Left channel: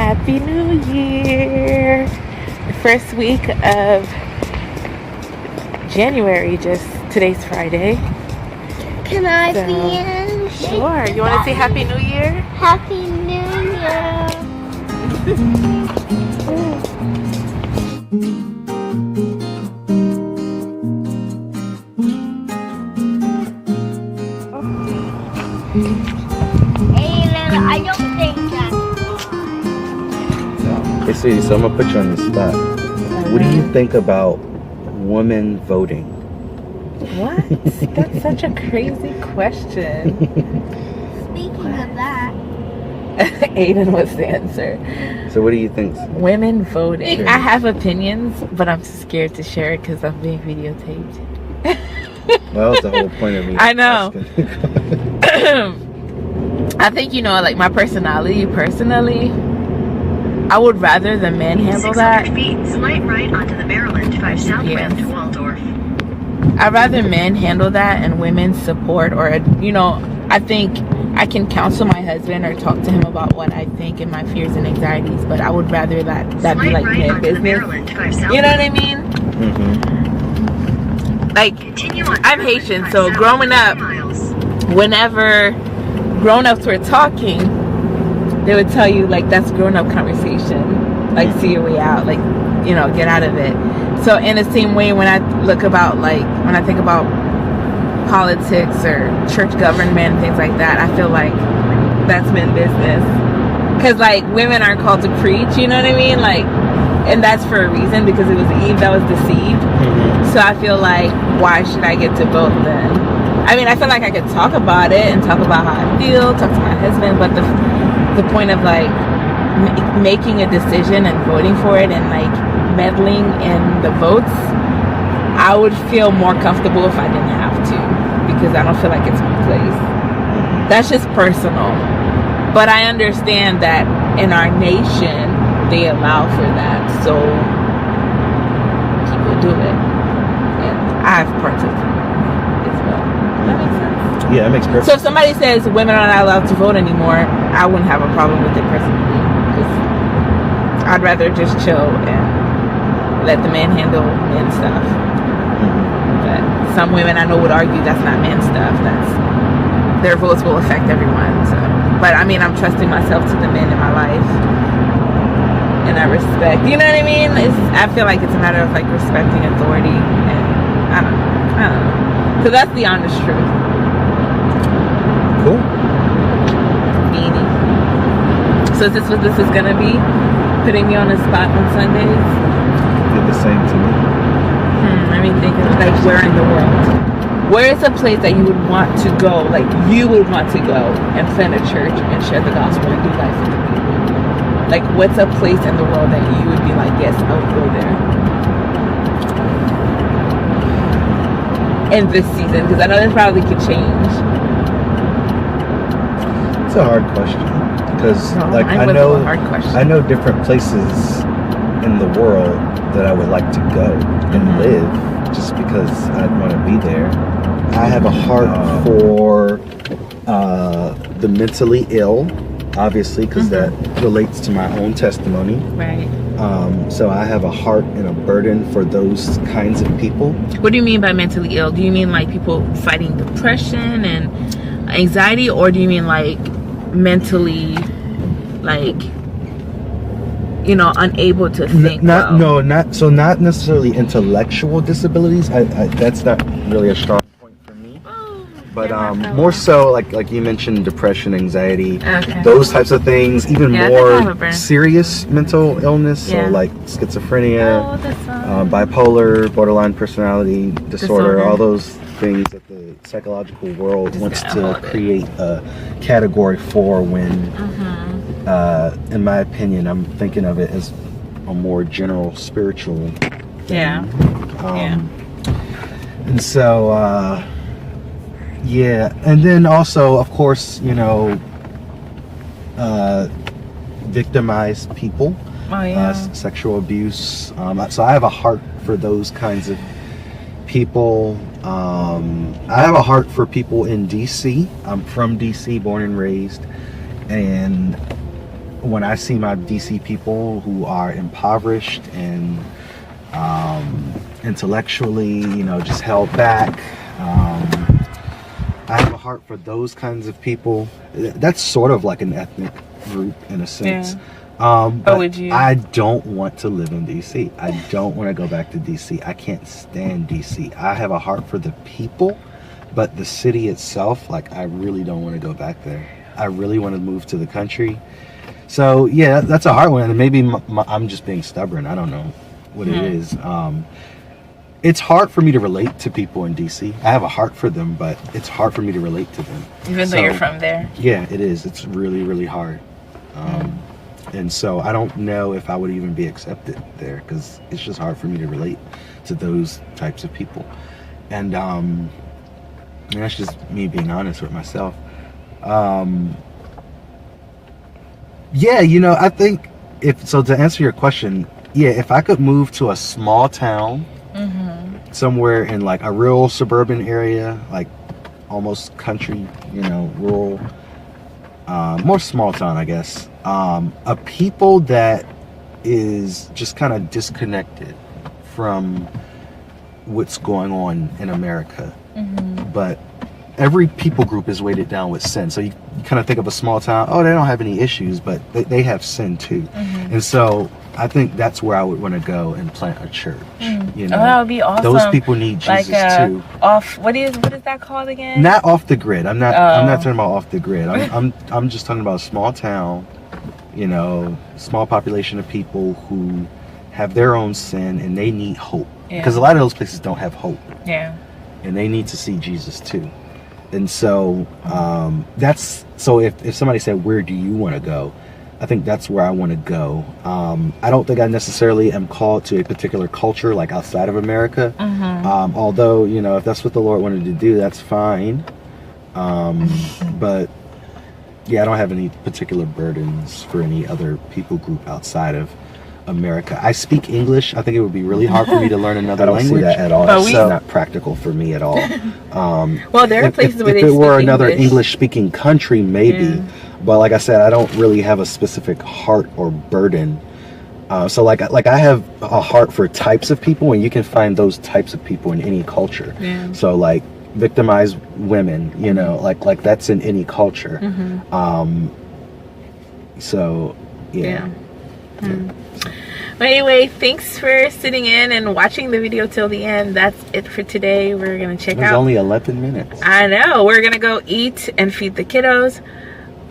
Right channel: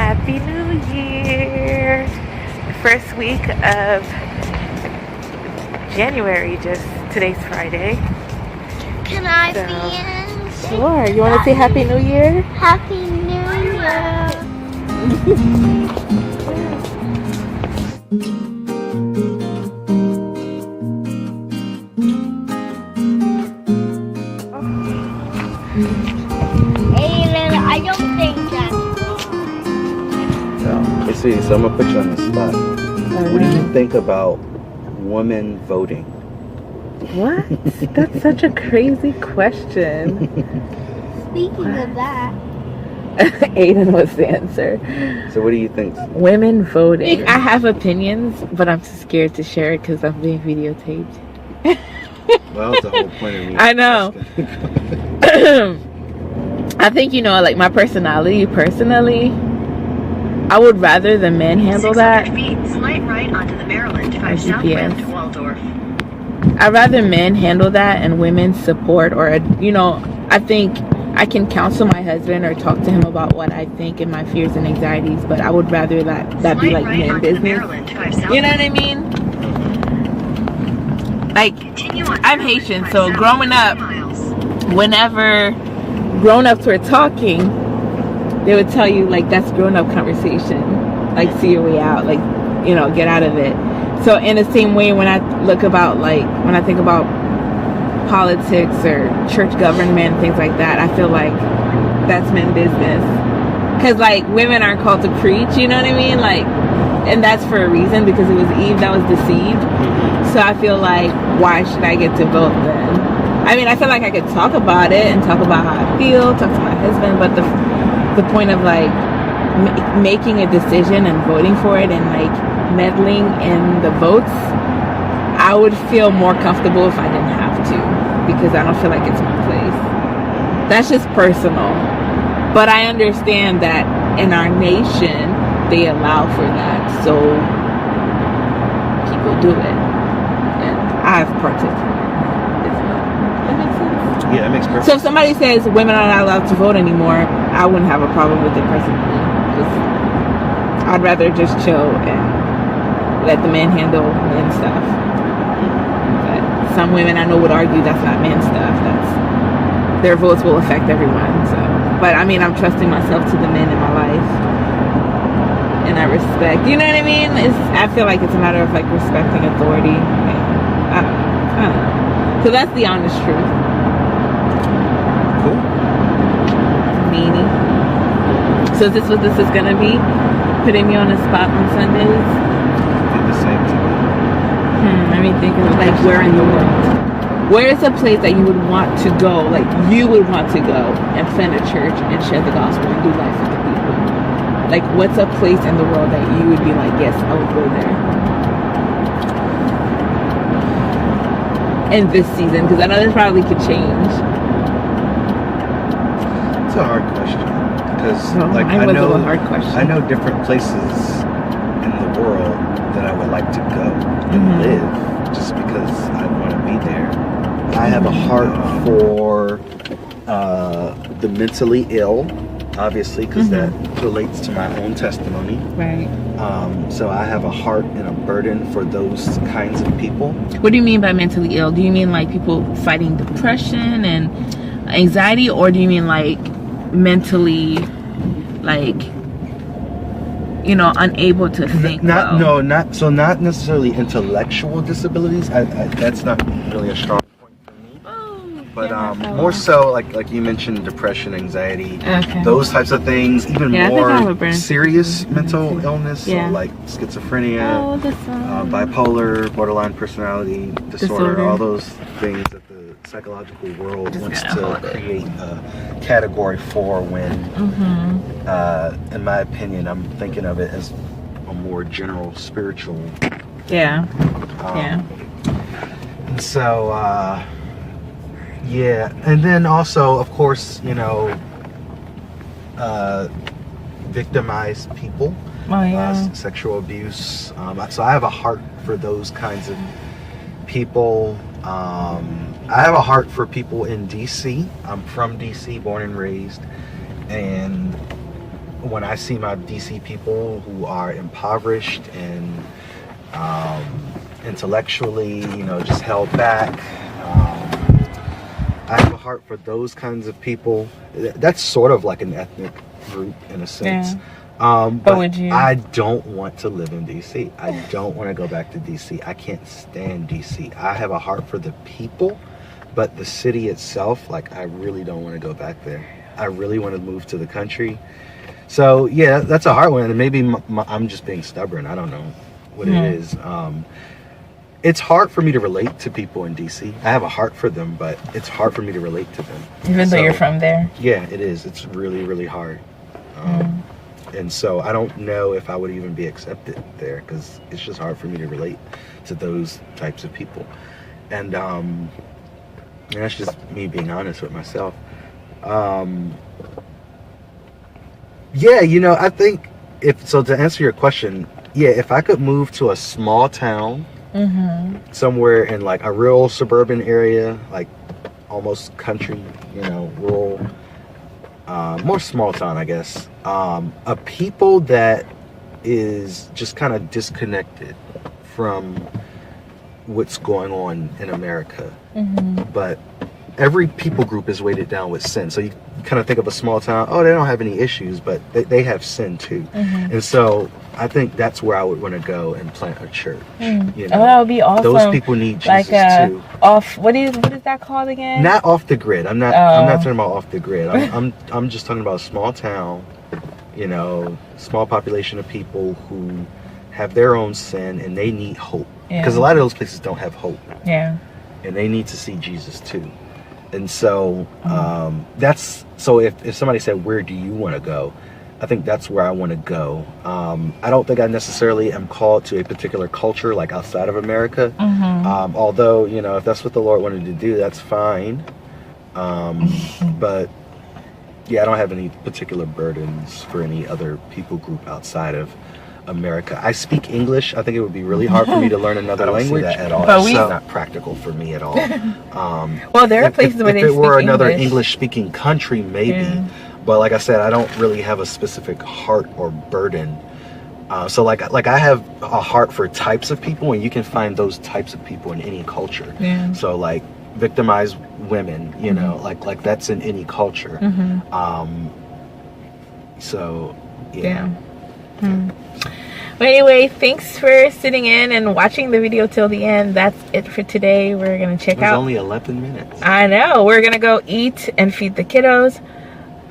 Happy New Year! The first week of January, today's Friday. Can I see it? Sure. You want to say Happy New Year? Happy New Year! I don't think that's wrong. Let's see, so I'm going to put you on the spot. What do you think about women voting? What? That's such a crazy question. Speaking of that. Aiden, what's the answer? So what do you think? Women voting. I have opinions, but I'm scared to share it because I'm being videotaped. Well, that's the whole point of me. I know. I think, like my personality, I would rather the men handle that. Slight right onto the Maryland 5 South Rim to Waldorf. I'd rather men handle that and women support, or, I think I can counsel my husband or talk to him about what I think and my fears and anxieties, but I would rather that be like men business. You know what I mean? Mm-hmm. Like, I'm Haitian, so growing up, whenever grown-ups were talking, they would tell you, like, that's grown-up conversation. Like, see your way out. Like, get out of it. So in the same way, when I think about politics or church government, things like that, I feel like that's men business. Because, like, women aren't called to preach, you know what I mean? Like, and that's for a reason, because it was Eve that was deceived. So I feel like, why should I get to vote then? I mean, I feel like I could talk about it and talk about how I feel, talk to my husband, but the point of, like, making a decision and voting for it and, like, meddling in the votes, I would feel more comfortable if I didn't have to, because I don't feel like it's my place. That's just personal. But I understand that in our nation, they allow for that, so people do it. And I've participated. That makes sense. Yeah, that makes perfect sense. So if somebody says women are not allowed to vote anymore, I wouldn't have a problem with it personally. Because I'd rather just chill and let the man handle men stuff. But some women I know would argue that's not men stuff. Their votes will affect everyone. So, but I mean, I'm trusting myself to the men in my life, and I respect. You know what I mean? I feel like it's a matter of, like, respecting authority, and I don't know. So that's the honest truth. Cool. Beanie. So is this what this is gonna be? Putting me on the spot on Sundays? Do the same to me. Let me think of, like, where in the world? Where is a place that you would want to go, like you would want to go and plant a church and share the gospel and do life with the people? Like, what's a place in the world that you would be like, yes, I would go there? In this season, because I know this probably could change. It's a hard question, because a hard question. I know different places in the world that I would like to go and live, just because I want to be there. I have a heart for the mentally ill, obviously, because that relates to my own testimony. Right. So I have a heart and a burden for those kinds of people. What do you mean by mentally ill? Do you mean like people fighting depression and anxiety, or do you mean like mentally, like, unable to think? Not necessarily intellectual disabilities. That's not really a strong point for me. But more so, like you mentioned, depression, anxiety, those types of things. Even more serious mental illness, so like schizophrenia, bipolar, borderline personality disorder, all those things that the psychological world wants to create a category for. When, in my opinion, I'm thinking of it as a more general spiritual thing. And so, and then also, of course, victimized people, sexual abuse. So I have a heart for those kinds of people. I have a heart for people in DC. I'm from DC, born and raised, and when I see my DC people who are impoverished and intellectually, just held back, I have a heart for those kinds of people. That's sort of like an ethnic group in a sense. Yeah. But would you? I don't want to live in DC. I don't want to go back to DC. I can't stand DC. I have a heart for the people, but the city itself, like, I really don't want to go back there. I really want to move to the country. So yeah, that's a hard one, and maybe I'm just being stubborn. I don't know what it is. It's hard for me to relate to people in DC. I have a heart for them, but it's hard for me to relate to them. Even though you're from there? Yeah, it is. It's really, really hard. And so I don't know if I would even be accepted there, because it's just hard for me to relate to those types of people. And that's just me being honest with myself. Yeah, I think to answer your question, if I could move to a small town, somewhere in like a real suburban area, like almost country, rural, more small town, I guess, a people that is just kind of disconnected from what's going on in America, but every people group is weighted down with sin. So you kind of think of a small town, they don't have any issues, but they have sin too. And so I think that's where I would want to go and plant a church. That would be awesome. Those people need Jesus too. What is that called again? Not off the grid. I'm not talking about off the grid. I'm just talking about a small town, small population of people who have their own sin and they need hope. Because a lot of those places don't have hope. Yeah. And they need to see Jesus too. And so if somebody said, where do you want to go? I think that's where I want to go. I don't think I necessarily am called to a particular culture like outside of America. Although, if that's what the Lord wanted to do, that's fine. But yeah, I don't have any particular burdens for any other people group outside of America. I speak English. I think it would be really hard for me to learn another language. I don't see that at all. But it's not practical for me at all. Well, there are places where they speak English. If it were another English-speaking country, maybe. Yeah. But like I said, I don't really have a specific heart or burden. So like I have a heart for types of people, and you can find those types of people in any culture. Yeah. So like victimized women, like that's in any culture. So yeah. But anyway, thanks for sitting in and watching the video till the end. That's it for today. We're going to check out. It was only 11 minutes. I know. We're going to go eat and feed the kiddos.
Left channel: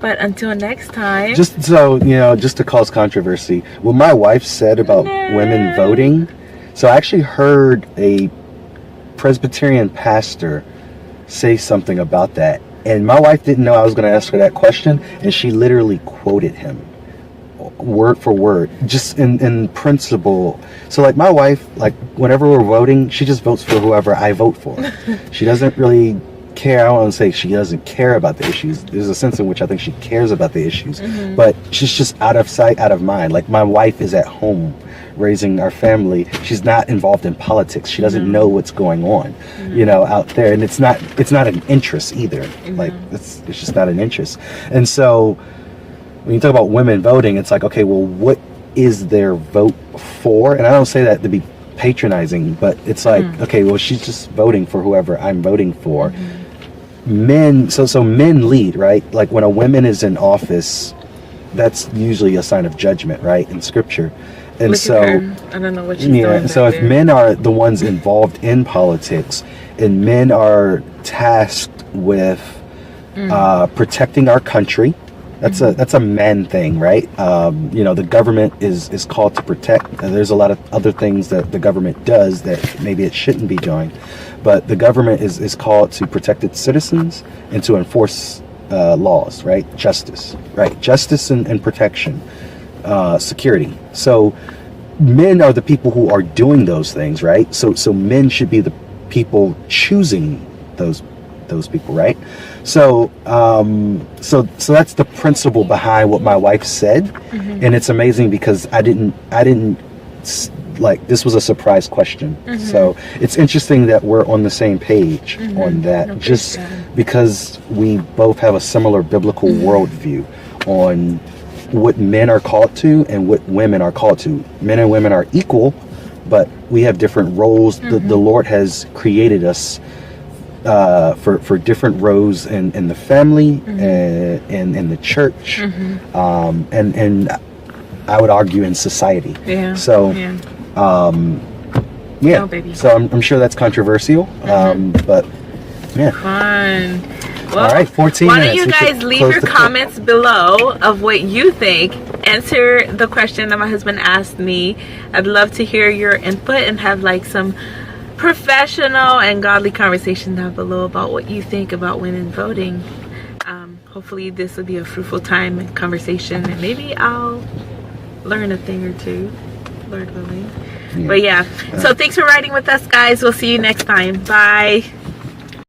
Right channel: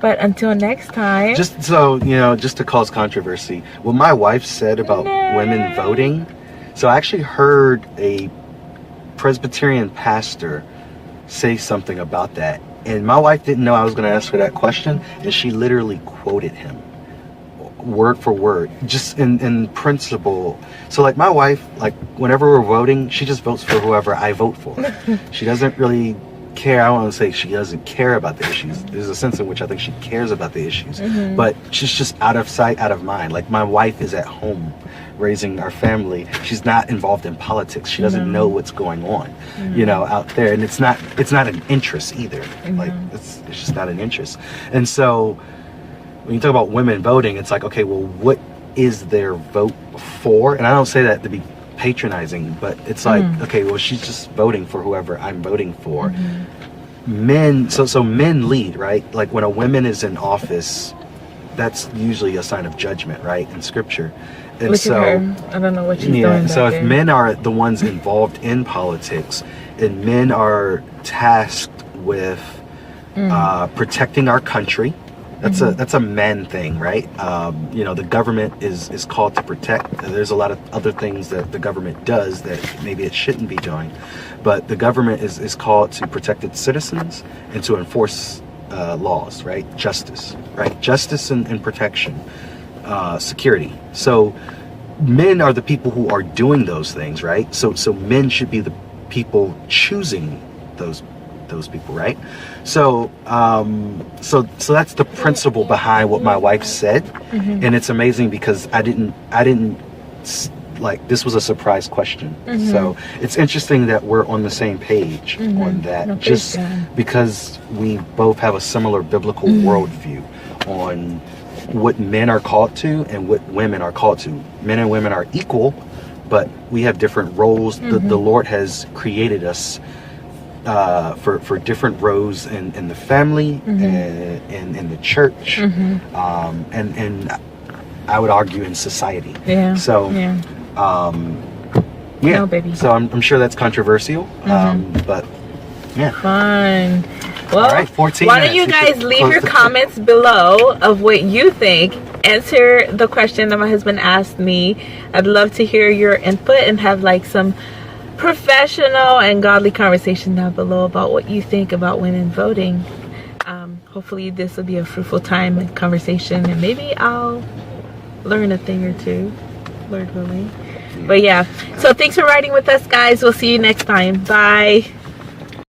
But until next time. Just so, just to cause controversy, what my wife said about women voting. So I actually heard a Presbyterian pastor say something about that. And my wife didn't know I was going to ask her that question. And she literally quoted him. Word for word, just in principle. So like my wife, like whenever we're voting, she just votes for whoever I vote for. She doesn't really care. I don't want to say she doesn't care about the issues. There's a sense in which I think she cares about the issues, but she's just out of sight, out of mind. Like my wife is at home raising our family. She's not involved in politics. She doesn't know what's going on, out there. And it's not an interest either. Like it's just not an interest. And so when you talk about women voting, it's like, okay, well, what is their vote for? And I don't say that to be patronizing, but it's like, okay, well, she's just voting for whoever I'm voting for. Men, so men lead, right? Like when a woman is in office, that's usually a sign of judgment, right? In scripture. And look so, at her. I don't know what she's doing. So if men are the ones involved in politics, and men are tasked with protecting our country, that's a men thing, right? The government is called to protect. There's a lot of other things that the government does that maybe it shouldn't be doing, but the government is called to protect its citizens and to enforce laws, right? Justice and protection, security. So men are the people who are doing those things, right? So men should be the people choosing those people, right? So that's the principle behind what my wife said, and it's amazing because I didn't like, this was a surprise question. So it's interesting that we're on the same page on that, because we both have a similar biblical worldview on what men are called to and what women are called to. Men and women are equal, but we have different roles. The Lord has created us for different roles in the family and in the church, and I would argue in society. Yeah. So, No, baby. So I'm sure that's controversial, but yeah. Fun. Well, all right, 14 why don't you minutes. guys leave your comments below of what you think? Answer the question that my husband asked me. I'd love to hear your input and have like some professional and godly conversation down below about what you think about women voting. Hopefully this will be a fruitful time and conversation, and maybe I'll learn a thing or two, Lord willing. But yeah, so thanks for riding with us, guys. We'll see you next time. Bye.